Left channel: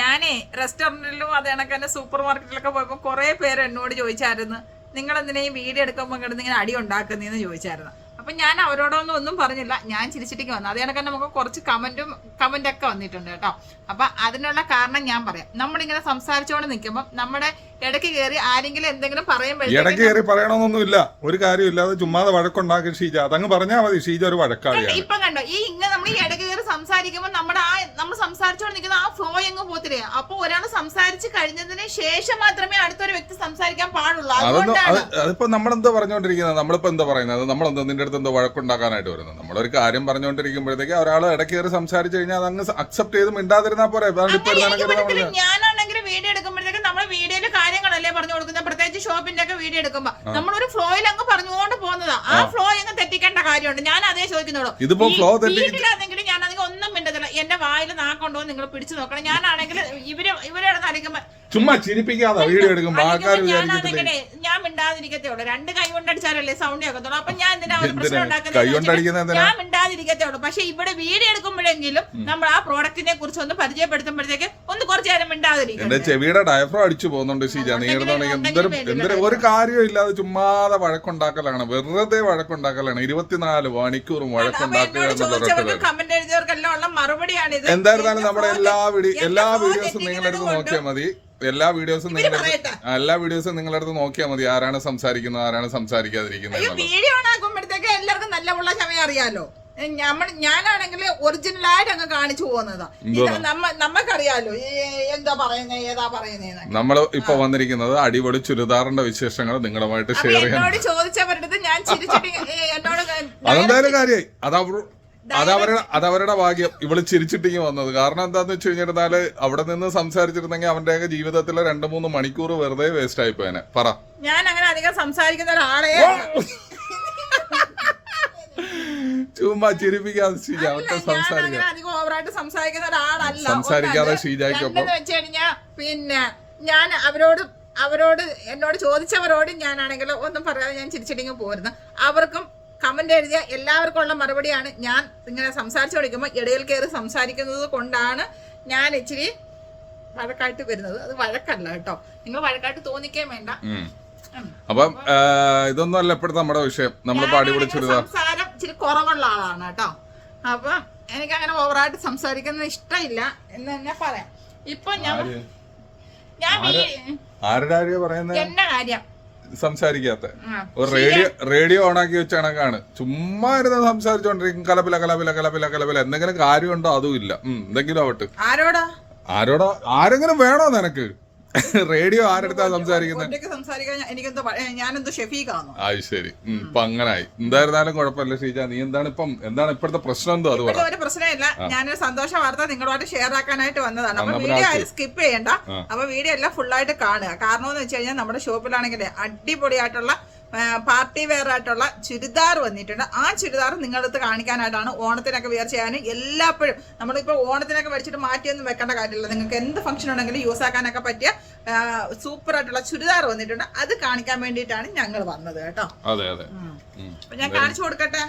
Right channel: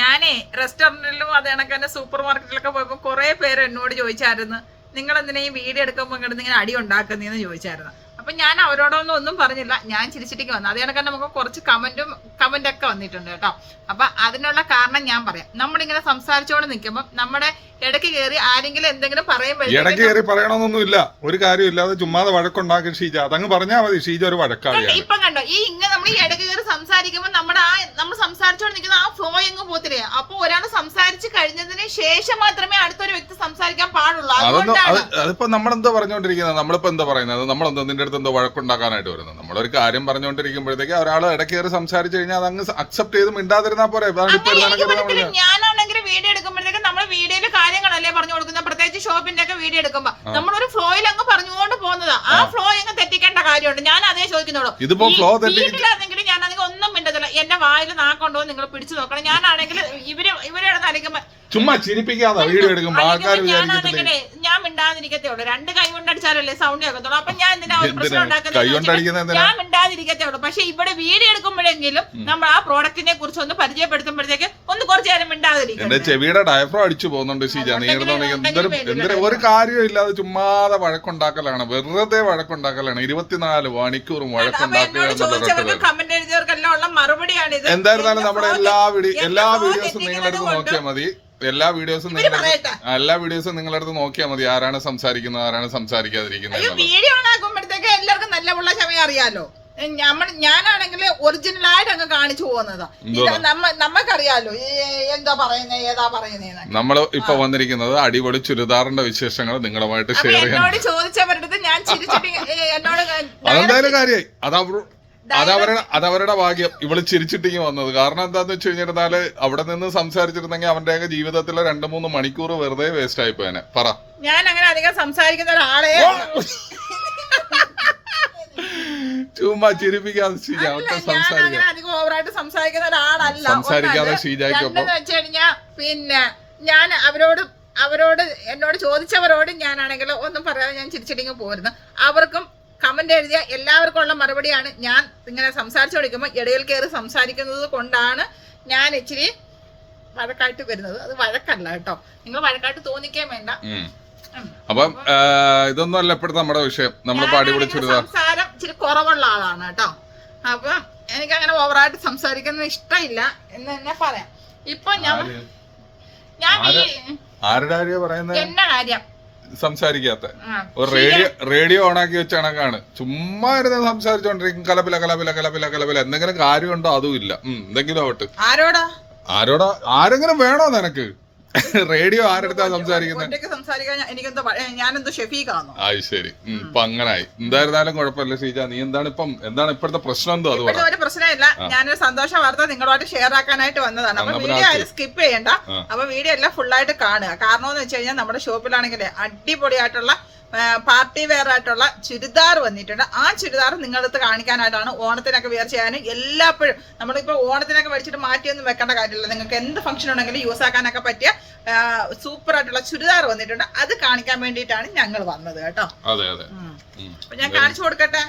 ഞാനേ റെസ്റ്റോറന്റിലും അത് കണക്കെ സൂപ്പർ മാർക്കറ്റിലൊക്കെ പോയപ്പോ കുറെ പേര് എന്നോട് ചോദിച്ചായിരുന്നു, നിങ്ങൾ എന്തിനാ ഈ വീഡിയോ എടുക്കുമ്പോൾ കിടന്ന് ഇങ്ങനെ അടി ഉണ്ടാക്കുന്നതെന്ന് ചോദിച്ചായിരുന്നു. അപ്പൊ ഞാൻ അവരോടൊന്നും പറഞ്ഞില്ല, ഞാൻ ചിരിച്ചിട്ടേക്ക് വന്നു. അത് കണക്കെ നമുക്ക് കുറച്ച് കമന്റ് ഒക്കെ വന്നിട്ടുണ്ട് കേട്ടോ. അപ്പൊ അതിനുള്ള കാരണം ഞാൻ പറയാം. നമ്മളിങ്ങനെ സംസാരിച്ചുകൊണ്ട് നിൽക്കുമ്പോൾ നമ്മുടെ ഇടയ്ക്ക് കയറി ആരെങ്കിലും എന്തെങ്കിലും ഇടയ്ക്ക് കയറി പറയണമെന്നൊന്നുമില്ല, ഒരു കാര്യമില്ലാതെ ചുമ്മാതെ വഴക്കുണ്ടാക്കി ഷീജ അതങ്ങ് പറഞ്ഞാൽ മതി. ഷീജ ഒരു വഴക്കാളിയാണ്. ഇപ്പം കണ്ടോ, ഈ ഇങ്ങനെ നമ്മൾ ഈ ഇടയ്ക്ക് കയറി സംസാരിക്കുമ്പോൾ നമ്മൾ സംസാരിച്ചുകൊണ്ട് നിൽക്കുന്ന ആ ഫ്ലോ എങ്ങ് പോത്തില്ലേ. അപ്പൊ ഒരാൾ സംസാരിച്ച് കഴിഞ്ഞതിന് ശേഷം മാത്രമേ അടുത്തൊരു വ്യക്തി സംസാരിക്കാൻ പാടുള്ളൂ. അതിപ്പോ നമ്മളെന്താ പറഞ്ഞുകൊണ്ടിരിക്കുന്നത്, നമ്മളിപ്പോ എന്താ പറയുന്നത്, നമ്മളെന്തോ നിന്റെ അടുത്ത് എന്തോ വഴക്കുണ്ടാക്കാനായിട്ട് വരുന്നത്. നമ്മളൊരു കാര്യം പറഞ്ഞുകൊണ്ടിരിക്കുമ്പോഴത്തേക്ക് ഒരാൾ ഇടയ്ക്ക് കയറി സംസാരിച്ചു കഴിഞ്ഞാൽ അതങ്ങ് അക്സെപ്റ്റ് ചെയ്ത് മിണ്ടാതിരുന്നാ പോരെ. ഞാനാണെങ്കിൽ വീഡിയോ എടുക്കുമ്പോഴത്തേക്ക് നമ്മൾ വീഡിയോയില് കാര്യങ്ങളല്ലേ പറഞ്ഞു കൊടുക്കുന്നത്. പ്രത്യേകിച്ച് ഷോപ്പിന്റെ ഒക്കെ വീഡിയോ എടുക്കുമ്പോ നമ്മളൊരു ഫ്ലോയിൽ അങ്ങ് പറഞ്ഞുകൊണ്ട് പോകുന്നതാ. ആ ഫ്ലോ അങ്ങ് തെറ്റിക്കേണ്ട കാര്യമുണ്ട്. ഞാൻ അതേ ചോദിക്കുന്നുള്ളൂ. ഇതിപ്പോ ഫ്ലോ വീട്ടിലാണെങ്കിലും ഞാനാണെങ്കിൽ ഒന്നും മിണ്ടത്തില്ല. എന്റെ വായിൽ നാക്കൊണ്ടോ നിങ്ങൾ പിടിച്ചു നോക്കണം. ഞാനാണെങ്കിൽ ഇവരുടെ തലയ്ക്കുമ്പോ ചുമ്മാ ചിരിപ്പിക്കാതെ വീഡിയോ എടുക്കുമ്പോ ആൾക്കാർ ഞാൻ മിണ്ടാതിരിക്കത്തേ ഉള്ളൂ. രണ്ട് കൈ കൊണ്ടടിച്ചാലല്ലേ സൗണ്ട് കേൾക്കത്തുള്ളൂ. അപ്പൊ ഞാൻ എന്തിനാ പ്രശ്നം ഉണ്ടാക്കുന്നത്? ഞാൻ മിണ്ടാതിരിക്കത്തേ ഉള്ളൂ. പക്ഷെ ഇവിടെ വീഡിയോ എടുക്കുമ്പോഴെങ്കിലും നമ്മൾ ആ പ്രോഡക്റ്റിനെ കുറിച്ച് ഒന്ന് പരിചയപ്പെടുത്തുമ്പോഴത്തേക്ക് ഒന്ന് കുറച്ചു നേരം മിണ്ടാതിരിക്കും. എന്റെ ചെവിയുടെ ഡയഫ്രോ അടിച്ചു പോകുന്നുണ്ട് ഷീജ. നീ എന്തൊരു ഒരു കാര്യവും ഇല്ലാതെ ചുമ്മാതെ വഴക്കുണ്ടാക്കലാണ്, വെറുതെ വഴക്കുണ്ടാക്കലാണ്. 24 മണിക്കൂറും വഴക്കുണ്ടാക്കുക. കമന്റ് എഴുതിയവർക്കെല്ലാം ഉള്ള മറുപടിയാണ്. എന്തായിരുന്നാലും നമ്മുടെ എല്ലാ വീഡിയോസും നിങ്ങളെടുത്ത് നോക്കിയാൽ മതി. എല്ലാ വീഡിയോസും നിങ്ങളുടെ അടുത്ത് നോക്കിയാൽ മതി. ആരാണ് സംസാരിക്കുന്നത്, ആരാണ് സംസാരിക്കാതിരിക്കുന്നത്. വീഡിയോ ആക്കുമ്പോഴത്തേക്ക് എല്ലാവർക്കും നല്ല ഉള്ള സമയം അറിയാലോ. ഞാനാണെങ്കിൽ ഒറിജിനലായിട്ട് അങ്ങ് കാണിച്ചു പോകുന്നതാ. നമ്മക്കറിയാലോ എന്താ പറയുന്നത്, ഏതാ പറയുന്നത്. നമ്മൾ ഇപ്പൊ വന്നിരിക്കുന്നത് അടിപൊളി ചുരിദാറിന്റെ വിശേഷങ്ങൾ നിങ്ങളുമായിട്ട് ഷെയർ ചെയ്യാൻ. എന്നോട് ചോദിച്ചവരുടെ ഞാൻ ചിരിച്ചിട്ട് എന്നോട് അതെന്തായാലും കാര്യമായി. അതവരുടെ ഭാഗ്യം. ഇവള് ചിരിച്ചിട്ടിങ്ങി വന്നത് കാരണം എന്താന്ന് വെച്ച് കഴിഞ്ഞിരുന്നാല് അവിടെ നിന്ന് സംസാരിച്ചിരുന്നെങ്കിൽ അവന്റെയൊക്കെ ജീവിതത്തിലെ 2-3 മണിക്കൂർ വെറുതെ വേസ്റ്റ് ആയി പോയനെ. പറ, ഞാൻ അങ്ങനെ അധികം സംസാരിക്കുന്ന ഒരാളെ ചുമ്മാ ചിരിപ്പിക്കാതെ ഷീജ അധികം ഓവറായിട്ട് സംസാരിക്കുന്ന ഒരാളല്ല. സംസാരിക്കാതെ ഷീജയ്ക്കൊപ്പം വെച്ച് കഴിഞ്ഞാ പിന്നെ ഞാൻ അവരോട് എന്നോട് ചോദിച്ചവരോട് ഞാനാണെങ്കിൽ ഒന്നും പറയാതെ ഞാൻ ചിരിച്ചിട്ടിങ്ങ് പോരുന്നു. അവർക്കും കമന്റ് എഴുതിയ എല്ലാവർക്കും ഉള്ള മറുപടിയാണ്. ഞാൻ ഇങ്ങനെ സംസാരിച്ചു കൊടുക്കുമ്പോൾ ഇടയിൽ കയറി സംസാരിക്കുന്നത് കൊണ്ടാണ് ഞാൻ ഇച്ചിരി വഴക്കായിട്ട് വരുന്നത്. അത് വഴക്കല്ല കേട്ടോ, നിങ്ങൾ വഴക്കായിട്ട് തോന്നിക്കാൻ വേണ്ട. അപ്പം ഇതൊന്നും അല്ല ഇപ്പോഴത്തെ നമ്മുടെ വിഷയം. നമ്മളിപ്പോ അടിപൊളി സംസാരം ഇച്ചിരി കുറവുള്ള ആളാണ് കേട്ടോ. അപ്പൊ എനിക്ക് അങ്ങനെ ഓവറായിട്ട് സംസാരിക്കുന്നത് ഇഷ്ടമില്ല എന്ന് തന്നെ പറയാം. ഇപ്പൊ ഞാൻ എന്റെ കാര്യം സംസാരിക്കാത്ത ഒരു റേഡിയോ ഓണാക്കി വെച്ച കണക്കാണ്. ചുമ്മാ ഇരുന്ന് സംസാരിച്ചോണ്ടിരിക്കും. കലപില എന്തെങ്കിലും കാര്യമുണ്ടോ അതും ഇല്ല. എന്തെങ്കിലും ആവട്ടെ. ആരോടാ ആരെങ്കിലും വേണോ നിനക്ക്? റേഡിയോ ആരെടുത്താ സംസാരിക്കുന്നത്? അത് ശരി. ഇപ്പൊ അങ്ങനായി. എന്തായിരുന്നാലും കുഴപ്പമില്ല ഷീജ. നീ എന്താണ് ഇപ്പോഴത്തെ പ്രശ്നം എന്തോ? അത് ഒരു പ്രശ്നമില്ല. ഞാനൊരു സന്തോഷ വാർത്ത നിങ്ങളുമായിട്ട് ഷെയർ ആക്കാനായിട്ട് വന്നതാണ്. അപ്പൊ വീഡിയോ സ്കിപ്പ് ചെയ്യണ്ട. അപ്പൊ വീഡിയോ എല്ലാം ഫുള്ളായിട്ട് കാണുക. കാരണം എന്ന് വെച്ച് കഴിഞ്ഞാൽ നമ്മുടെ ഷോപ്പിലാണെങ്കിൽ അടിപൊളിയായിട്ടുള്ള പാർട്ടി വെയർ ആയിട്ടുള്ള ചുരിദാർ വന്നിട്ടുണ്ട്. ആ ചുരിദാർ നിങ്ങളടുത്ത് കാണിക്കാനായിട്ടാണ്. ഓണത്തിനൊക്കെ വെയർ ചെയ്യാനും എല്ലാപ്പോഴും നമ്മളിപ്പോ ഓണത്തിനൊക്കെ മേടിച്ചിട്ട് മാറ്റിയൊന്നും വെക്കേണ്ട കാര്യമില്ല. നിങ്ങൾക്ക് എന്ത് ഫംഗ്ഷൻ ഉണ്ടെങ്കിലും യൂസ് ആക്കാനൊക്കെ പറ്റിയ സൂപ്പർ ആയിട്ടുള്ള ചുരിദാർ വന്നിട്ടുണ്ട്. അത് കാണിക്കാൻ വേണ്ടിയിട്ടാണ് ഞങ്ങൾ വന്നത് കേട്ടോ. അപ്പൊ ഞാൻ കാണിച്ചു കൊടുക്കട്ടെ.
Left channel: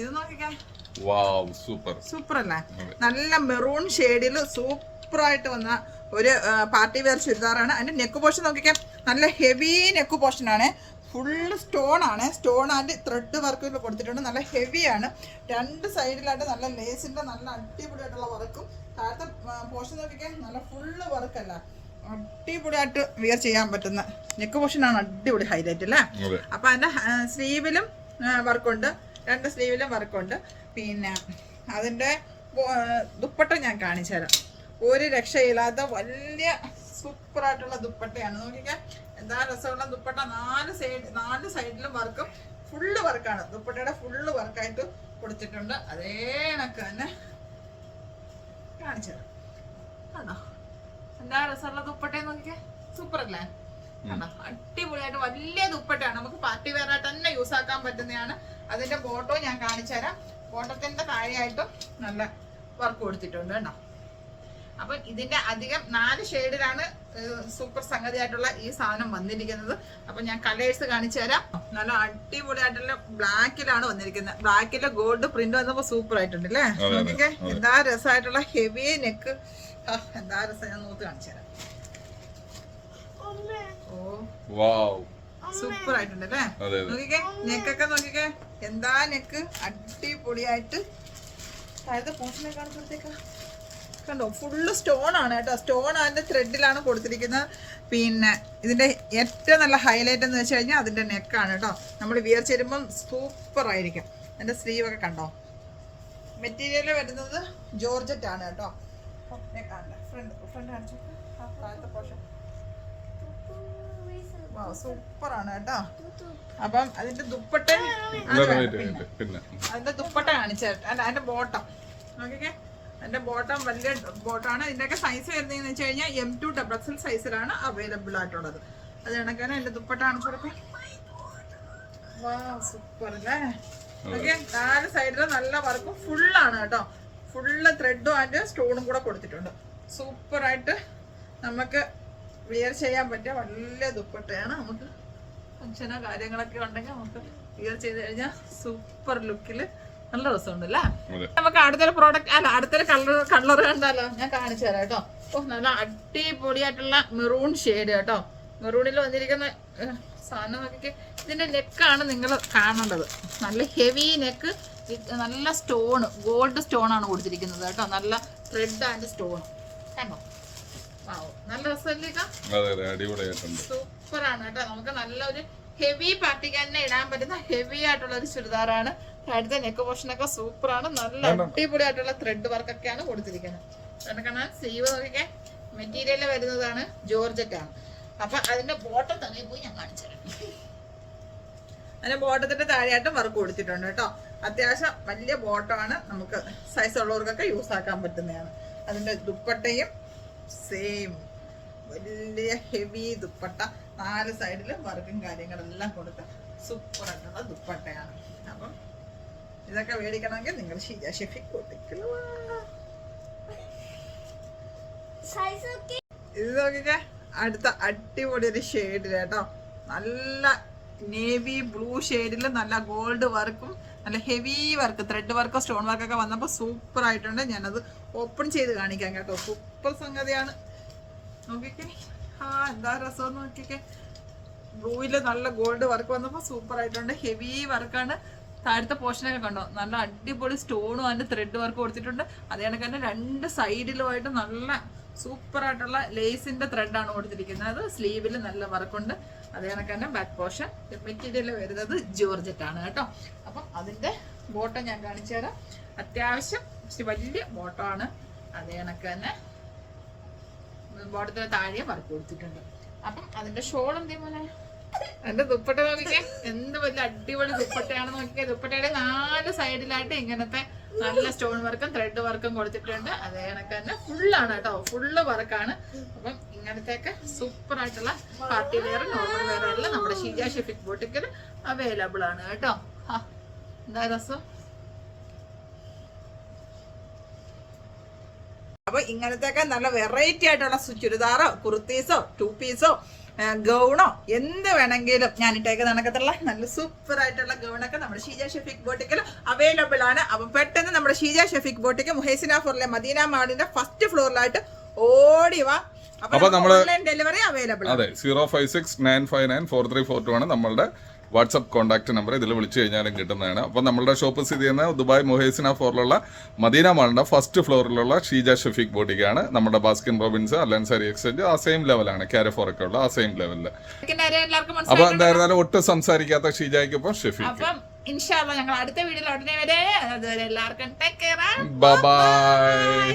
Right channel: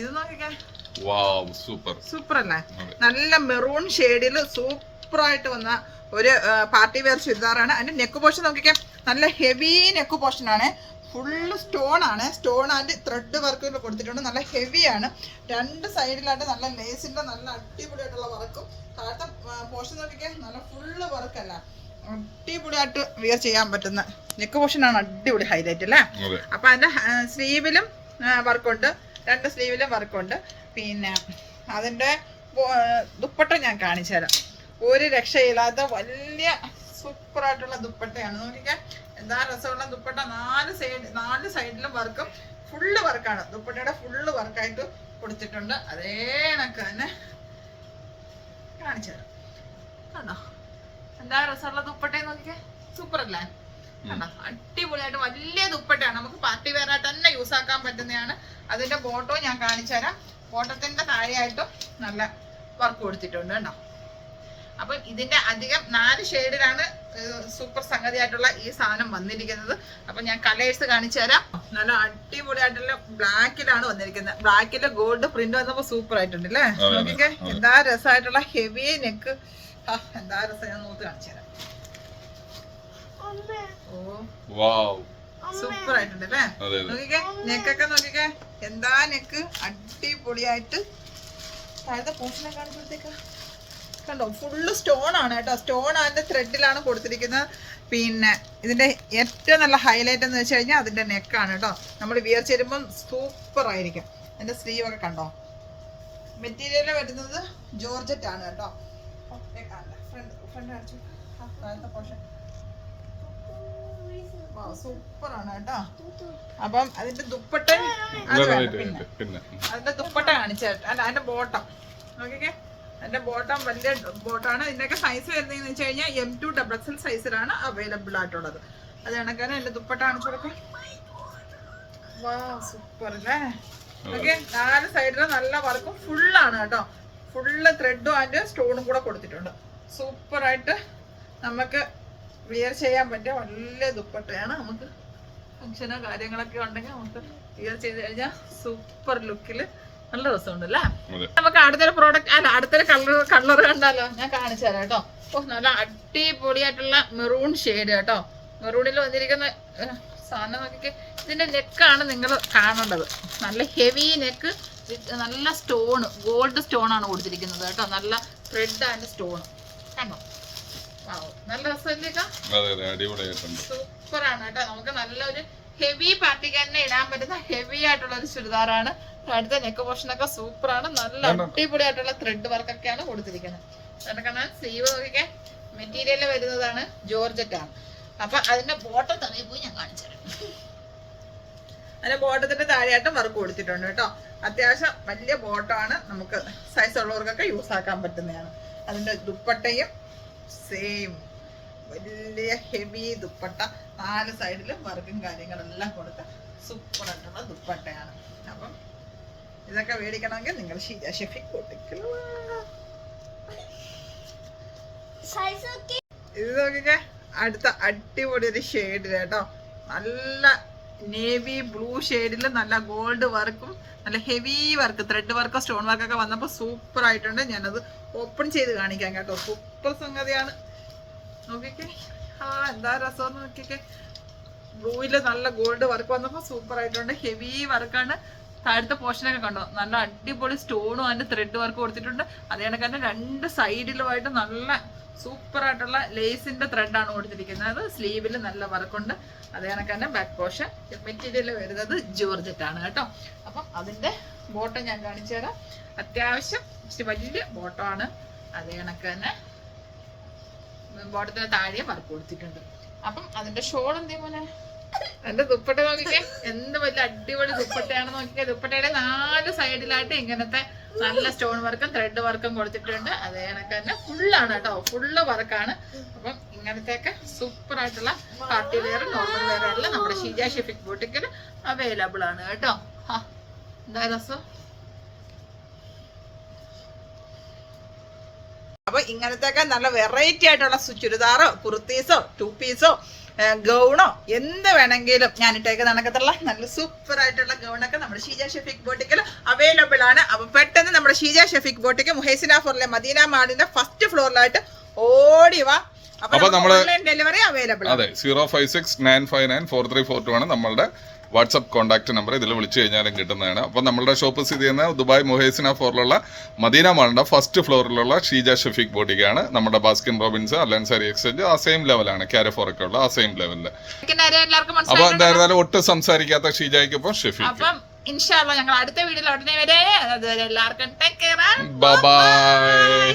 ഇത് നോക്കിക്കേ, സൂപ്പർ അല്ലേ? നല്ല മെറൂൺ ഷെയ്ഡില് സൂപ്പർ ആയിട്ട് വന്ന ഒരു പാർട്ടി വെയർ ചുരിദാറാണ്. അതിന്റെ നെക്ക് പോർഷൻ നോക്കിക്കേ, നല്ല ഹെവി നെക്ക് പോർഷൻ ആണ്. ഫുള്ള് സ്റ്റോൺ ആണ്. സ്റ്റോൺ ആൻഡ് ത്രെഡ് വർക്ക് കൊടുത്തിട്ടുണ്ട്. നല്ല ഹെവിയാണ്. രണ്ട് സൈഡിലായിട്ട് നല്ല ലേസിന്റെ നല്ല അടിപൊളിയായിട്ടുള്ള വർക്കും. താഴത്തെ പോർഷൻ നോക്കിക്കാൻ നല്ല ഫുള്ള് വർക്കല്ല, അടിപൊളിയായിട്ട് വിയർ ചെയ്യാൻ പറ്റുന്ന നെക്ക് പോർഷൻ ആണ്. അടിപൊളി ഹൈലൈറ്റ് അല്ലേ? അപ്പൊ അതിന്റെ സ്ലീവിലും വർക്കുണ്ട്, 2 സ്ലീവിലും വർക്കുണ്ട്. പിന്നെ അതിന്റെ ദുപ്പട്ട ഞാൻ കാണിച്ചു തരാം. ഒരു രക്ഷയില്ലാത്ത വലിയ സൂപ്പറായിട്ടുള്ള ദുപ്പട്ടയാണ്. നോക്കിക്കാൻ എന്താ രസമുള്ള ദുപ്പട്ട. 4 സൈഡിലും വർക്കും ഫുള്ള് വർക്കാണ്. ദുപ്പട്ടയുടെ ഫുള്ള് വർക്കായിട്ട് കൊടുത്തിട്ടുണ്ട്. അതേ കണക്ക് തന്നെ കാണിച്ചു തരാം. കണ്ടോ എന്താ രസമുള്ള ദുപ്പട്ടയെന്ന് നോക്കിക്കേ, സൂപ്പർ അല്ലേ? കണ്ടോ അടിപൊളിയായിട്ട് വലിയ ദുപ്പട്ടയാണ്. നമുക്ക് പാർട്ടി വെയർ ആയിട്ട് തന്നെ യൂസ് ആക്കാൻ പറ്റുന്നതാണ്. അതിന്റെ ബോട്ടോ ഞാൻ കാണിച്ചു തരാം. ബോട്ടത്തിന്റെ താഴെയായിട്ടും നല്ല വർക്ക് കൊടുത്തിട്ടുണ്ട് കേട്ടോ. അപ്പൊ ഇതിന്റെ അധികം 4 ഷെയ്ഡിലാണ് സൂപ്പർ സംഗതിയായിട്ടുള്ള ഈ സാധനം വന്നിരിക്കുന്നത്. അപ്പൊ ഞാൻ കളേഴ്സ് കാണിച്ചു തരാം. നല്ല അടിപൊളിയായിട്ടുള്ള ബ്ലാക്കിലാണ് വന്നിരിക്കുന്നത്. ബ്ലാക്കിലെ ഗോൾഡ് പ്രിന്റ് വന്നപ്പോ സൂപ്പർ ആയിട്ടുണ്ട് അല്ലേ? നോക്കിക്കേ എന്താ രസമായിട്ടുള്ള ഹെവി നെക്ക് എന്താ രസം, ഞാൻ നോക്കി കാണിച്ചു തരാം. സൂപ്പർ ആയിട്ടുണ്ട് അല്ലേ? നോക്കിക്കേ, നെക്കൊക്കെ നോക്കിക്കേ, എന്താ നെക്ക് അടിപൊളിയായിട്ട്. താഴത്തെ പോർഷനെ കാണുമ്പോഴത്തേക്ക് കണ്ടോ, ഫുള്ള് സ്റ്റോൺ ആണ് കേട്ടോ. സ്റ്റോൺ അതിന്റെ ത്രെഡിലാണ് കൊടുത്തിരിക്കുന്നത്. പിന്നെ ഇതിന്റെ ഏറ്റവും നല്ല ഹൈലൈറ്റ് എന്ന് വെച്ച് കഴിഞ്ഞാൽ അതിന്റെ നെക്കാണ് കേട്ടോ. നമ്മൾ വിയർച്ച് വരുമ്പോൾ സൂപ്പർ ആയിരിക്കും. അതിന്റെ സ്ലീവ് ഒക്കെ കണ്ടോ. മെറ്റീരിയൽ വരുന്നത് ജോർജറ്റ് ആണ് കേട്ടോ. സൂപ്പർ ആണ് കേട്ടോ. അപ്പം അതിന്റെ ദുപ്പട്ട അതിന്റെ ദുപ്പട്ട കാണിച്ചേട്ടോ. അല്ല, അതിന്റെ ബോട്ടം നോക്കിക്കേ. അതിന്റെ ബോട്ടം വലിയ ബോട്ടാണ്. ഇതിന്റെയൊക്കെ സൈസ് വരുന്നതെന്ന് വെച്ച് കഴിഞ്ഞാൽ M2 XXL സൈസിലാണ് അവൈലബിൾ ആയിട്ടുള്ളത്. അത് കണക്കാണ് അതിന്റെ ദുപ്പട്ട കാണിച്ചു കൊടുക്കും. സൂപ്പർ അല്ലേ? ഓക്കെ, 4 സൈഡിലും നല്ല വർക്കും ഫുള്ളാണ് കേട്ടോ. ഫുള്ള് ത്രെഡും അതിന്റെ സ്റ്റോണും കൂടെ കൊടുത്തിട്ടുണ്ട്. സൂപ്പർ ആയിട്ട് നമുക്ക് വിയർ ചെയ്യാൻ പറ്റിയ വലിയ ദുപ്പട്ടയാണ്. നമുക്ക് ഫംഗ്ഷനോ കാര്യങ്ങളൊക്കെ ഉണ്ടെങ്കിൽ നമുക്ക് വിയർ ചെയ്ത് കഴിഞ്ഞാൽ സൂപ്പർ ലുക്കിൽ നല്ല രസമുണ്ടല്ലേ? നമുക്ക് അടുത്തൊരു പ്രോഡക്റ്റ്, അല്ല അടുത്തൊരു കളർ കണ്ടാലോ? ഞാൻ കാണിച്ചു തരാം കേട്ടോ. നല്ല അടിപൊളിയായിട്ടുള്ള മെറൂൺ ഷെയ്ഡ് കേട്ടോ. മെറൂണിൽ വന്നിരിക്കുന്ന സാധനം നോക്കിക്കെ. ഇതിന്റെ നെക്കാണ് നിങ്ങൾ കാണേണ്ടത്. നല്ല ഹെവി നെക്ക്, നല്ല സ്റ്റോൺ, ഗോൾഡ് സ്റ്റോൺ ആണ് കൊടുത്തിരിക്കുന്നത് കേട്ടോ. നല്ല ത്രെഡ് ആൻഡ് സ്റ്റോൺ കണ്ടോ. നല്ല രസമില്ലേക്കാ? സൂപ്പർ ആണ് കേട്ടോ. നമുക്ക് നല്ലൊരു ഹെവി പാർട്ടിക്ക് തന്നെ ഇടാൻ പറ്റുന്ന ഹെവി ആയിട്ടുള്ള ഒരു ചുരിദാറാണ്. അടുത്ത നെക്ക് പോർഷനൊക്കെ സൂപ്പർ ആണ്. നല്ല അടിപൊളിയായിട്ടുള്ള ത്രെഡ് വർക്കൊക്കെയാണ് കൊടുത്തിരിക്കുന്നത്. സ്ലീവ് നോക്കിക്കെ. മെറ്റീരിയൽ വരുന്നതാണ് ജോർജറ്റ് ആണ്. അപ്പൊ അതിന്റെ ബോട്ടം തലയിൽ പോയി ഞാൻ കാണിച്ചു തരാം. അതിന്റെ ബോട്ടത്തിന്റെ താഴെയായിട്ട് വർക്ക് കൊടുത്തിട്ടുണ്ട് കേട്ടോ. അത്യാവശ്യം വലിയ ബോട്ടമാണ്. നമുക്ക് സൈസ് ഉള്ളവർക്കൊക്കെ യൂസ് ആക്കാൻ പറ്റുന്നതാണ്. അതിന്റെ ദുപ്പട്ടയും സെയിം വലിയ ഹെവി ദുപ്പട്ട. 4 സൈഡിലും വർക്കും കാര്യങ്ങളെല്ലാം കൊടുത്ത സൂപ്പർ ആയിട്ടുള്ള ദുപ്പട്ടയാണ്. അപ്പം ഇതൊക്കെ മേടിക്കണമെങ്കിൽ നിങ്ങൾ ഷീജ ഷെഫിക് ബൊട്ടിക്കിൽ ഇത് നോക്കിക്കേ. അടുത്ത അടിപൊളി ഒരു ഷെയ്ഡ് കേട്ടോ. നല്ല നേവി ബ്ലൂ ഷെയ്ഡിൽ നല്ല ഗോൾഡ് വർക്കും നല്ല heavy work, thread work, stone വർക്കൊക്കെ വന്നപ്പോൾ സൂപ്പർ ആയിട്ടുണ്ട്. ഞാനത് ഓപ്പൺ ചെയ്ത് കാണിക്കാം കേട്ടോ. സൂപ്പർ സംഗതിയാണ്. നോക്കിക്കേ, എന്താ രസം നോക്കിക്കേ. ബ്ലൂയില് നല്ല ഗോൾഡ് വർക്ക് വന്നപ്പോൾ സൂപ്പർ ആയിട്ടുണ്ട്. ഹെവി വർക്കാണ്. താഴത്തെ പോർഷനൊക്കെ കണ്ടോ, നല്ല അടിപൊളി സ്റ്റോണും അതിന്റെ ത്രെഡ് വർക്ക് കൊടുത്തിട്ടുണ്ട്. അതേ കണക്ക് തന്നെ 2 സൈഡിലുമായിട്ട് നല്ല സൂപ്പർ ആയിട്ടുള്ള ലേസിന്റെ ത്രെഡാണ് കൊടുത്തിരിക്കുന്നത്. സ്ലീവിൽ നല്ല വർക്കുണ്ട്. അതേ കണക്ക് തന്നെ ബാക്ക് പോർഷൻ മെറ്റീരിയൽ വരുന്നത് ജോർജറ്റ് ആണ് കേട്ടോ. അപ്പം അതിന്റെ ബോട്ടം ഞാൻ കാണിച്ചു തരാം. അത്യാവശ്യം വലിയ ബോട്ടമാണ്. അതേ കണക്ക് തന്നെ ബോട്ടത്തിന് താഴെ വർക്ക് കൊടുത്തിട്ടുണ്ട്. അപ്പം അതിന്റെ ഷോൾ എന്തേ മോനെ? അതിന്റെ ദുപ്പട്ട നോക്കിക്കേ, എന്ത് വലിയ അടിപൊളി ദുപ്പട്ടയാണ് നോക്കിക്കേ. ദുപ്പട്ടയുടെ 4 സൈഡിലായിട്ട് ഇങ്ങനത്തെ നല്ല സ്റ്റോൺ വർക്കും ത്രെഡ് വർക്കും കൊടുത്തിട്ടുണ്ട്. അതേ കണക്ക് തന്നെ ഫുള്ളാണ് കേട്ടോ. ഫുള്ള് വർക്കാണ്. അപ്പം ഇങ്ങനത്തെയൊക്കെ സൂപ്പർ ആയിട്ടുള്ള പാർട്ടി വെയർ, നോർമൽ വെയർ എല്ലാം നമ്മുടെ ഷീജ ഷെഫിക് ബൊട്ടിക്കിൽ അവൈലബിൾ ആണ് കേട്ടോ. എന്താ രസം. അപ്പൊ ഇങ്ങനത്തെയൊക്കെ നല്ല വെറൈറ്റി ആയിട്ടുള്ള ചുരിദാറോ കുർത്തീസോ 2 പീസോ ഗൗണോ എന്ത് വേണമെങ്കിലും ഞാൻ ഇട്ടേക്ക് നടക്കത്തുള്ള നല്ല സൂപ്പർ ആയിട്ടുള്ള ഗൗണൊക്കെ നമ്മുടെ ഷീജ ഷെഫിക് ബോട്ടിക്കിൽ അവൈലബിൾ ആണ്. അപ്പൊ പെട്ടെന്ന് നമ്മുടെ ഷീജ ഷെഫിക് ബോട്ടിക്ക് മുഹൈസിന ഫോറിലെ മദീന മാളിന്റെ ഫസ്റ്റ് ഫ്ലോറിലായിട്ട് ഓടി വാ. അപ്പൊ ഓൺലൈൻ ഡെലിവറി അവൈലബിൾ. അതെ, 05695943442 ആണ് നമ്മളുടെ വാട്സപ്പ് കോൺടാക്ട് നമ്പർ. ഇതിൽ വിളിച്ചു കഴിഞ്ഞാലും കിട്ടുന്നതാണ്. അപ്പോൾ നമ്മളുടെ ഷോപ്പ് സ്ഥിതി ചെയ്യുന്ന ദുബായ് മൊഹേസിന ഫോറിലുള്ള മദീന മാളിന്റെ ഫസ്റ്റ് ഫ്ലോറിലുള്ള ഷീജ ഷെഫിക് ബോട്ടിക്കാണ്. നമ്മുടെ ബാസ്കിൻ റോബിൻസ്, അലൻസാരി എക്സ്ചേഞ്ച് ആ സെയിം ലെവലാണ്. കാരഫോറൊക്കെ ഉള്ള ആ സെയിം ലെവലില്. അപ്പൊ എന്തായിരുന്നാലും ഒട്ടും സംസാരിക്കാത്ത ഷീജയ്ക്കൊപ്പം ഷെഫിക്. അപ്പം ഇൻഷാ അല്ലാഹ് ഞങ്ങൾ അടുത്ത വീഡിയോയിൽ ഉടനെ വരെ. അതുവരെ എല്ലാവർക്കും ടേക്ക് കെയർ. Bye bye.